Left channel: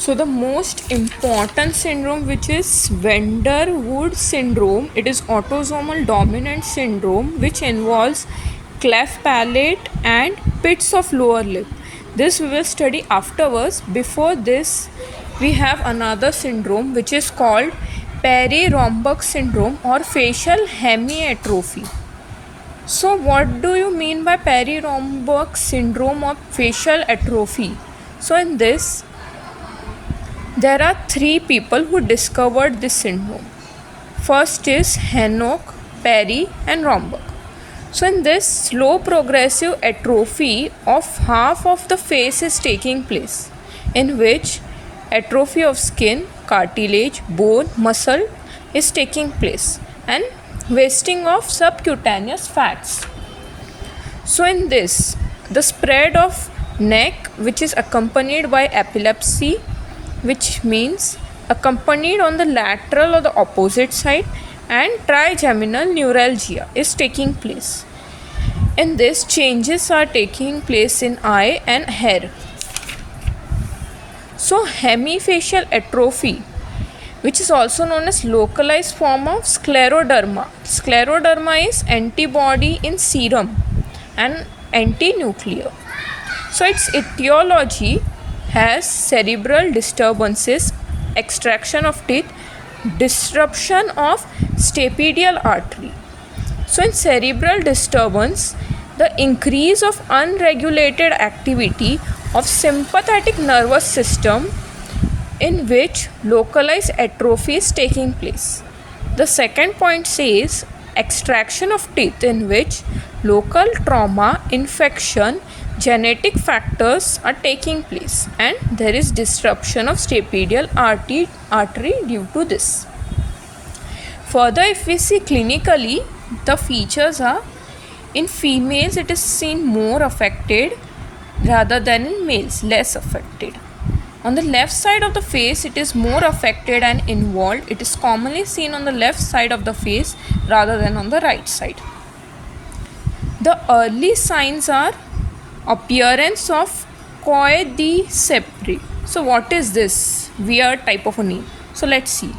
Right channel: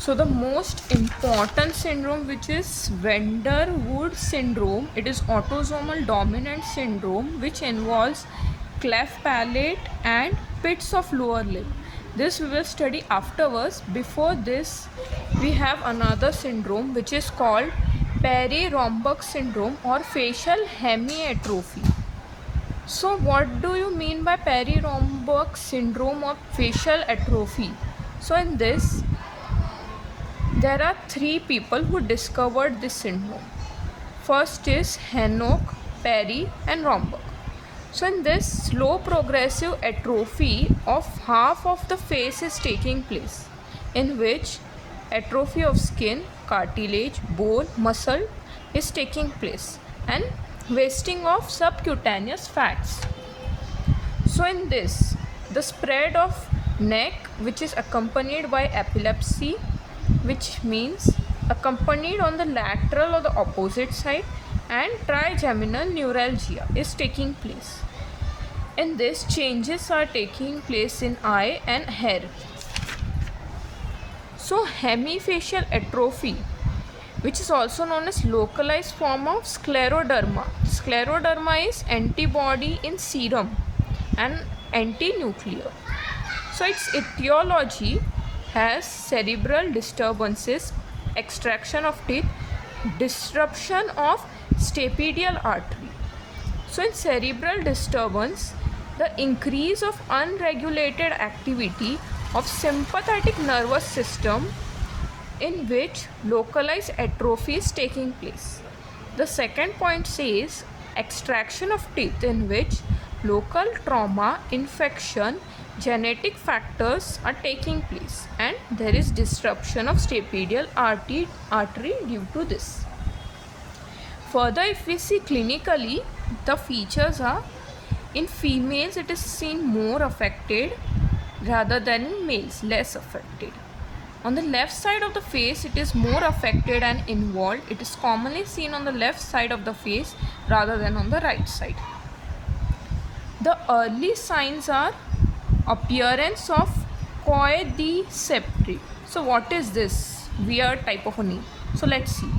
So the most important syndrome, which is van der Waals syndrome, it is autosomal dominant syndrome which involves cleft palate and pits of lower lip. This we will study afterwards. Before this, we have another syndrome which is called Parry-Romberg syndrome or facial hemiatrophy. So what do you mean by Parry-Romberg syndrome or facial atrophy? So in this, there are three people who discovered this syndrome. First is Henoch, Parry, and Romberg. So in this, slow progressive atrophy of half of the face is taking place, in which atrophy of skin, cartilage, bone, muscle is taking place, and wasting of subcutaneous fats. So in this, the spread of neck, which is accompanied by epilepsy, which means accompanied on the lateral or the opposite side, and trigeminal neuralgia is taking place. In this, changes are taking place in eye and hair. So hemifacial atrophy, which is also known as localized form of scleroderma. Scleroderma is antibody in serum and anti-nuclear. So its etiology has cerebral disturbances, extraction of teeth, disruption of stapedial artery. So in cerebral disturbance, the increase of unregulated activity of sympathetic nervous system, in which localized atrophy is taking place. The second point says extraction of teeth, in which local trauma, infection, genetic factors are taking place, and there is disruption of stapedial artery due to this. Further, if we see clinically, the features are, in females it is seen more affected rather than in males less affected. On the left side of the face, it is more affected and involved. It is commonly seen on the left side of the face rather than on the right side. The early signs are appearance of coy de sepri. So what is this weird type of a name? So let's see.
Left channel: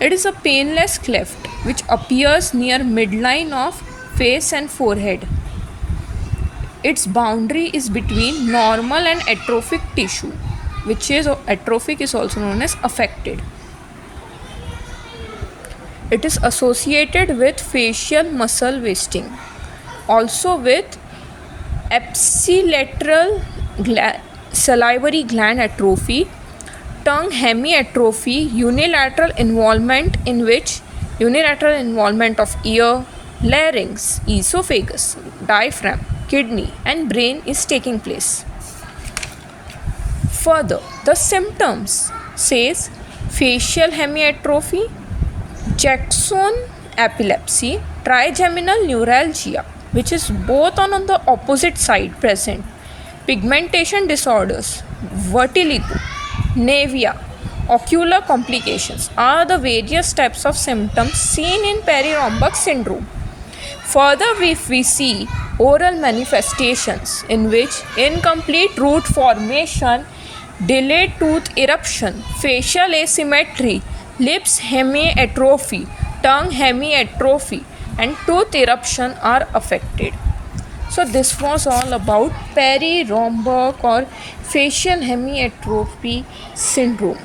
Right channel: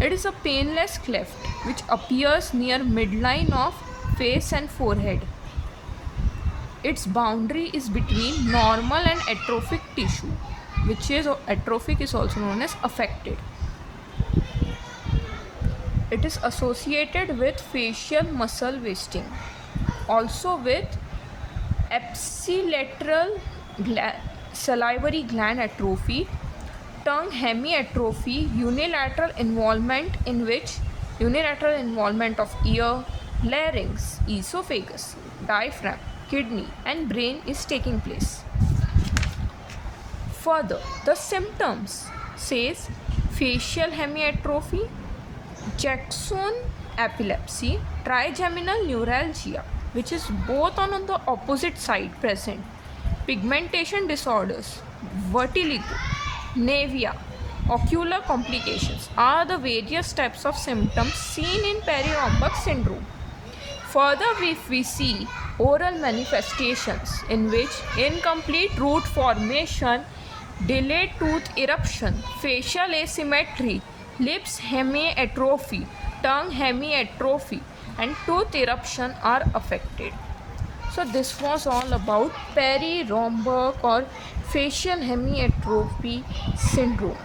It is a painless cleft which appears near midline of face and forehead. Its boundary is between normal and atrophic tissue, which is atrophic is also known as affected. It is associated with facial muscle wasting, also with ipsilateral salivary gland atrophy, tongue hemiatrophy, unilateral involvement, in which unilateral involvement of ear, larynx, esophagus, diaphragm, kidney and brain is taking place. Further, the symptoms says facial hemiatrophy, Jackson epilepsy, trigeminal neuralgia, which is both on the opposite side present, pigmentation disorders, vertigo, nevia, ocular complications are the various types of symptoms seen in Parry-Romberg syndrome. Further, if we see oral manifestations, in which incomplete root formation, delayed tooth eruption, facial asymmetry, lips hemiatrophy, tongue hemiatrophy and tooth eruption are affected. So this was all about Parry-Romberg or facial hemiatrophy syndrome.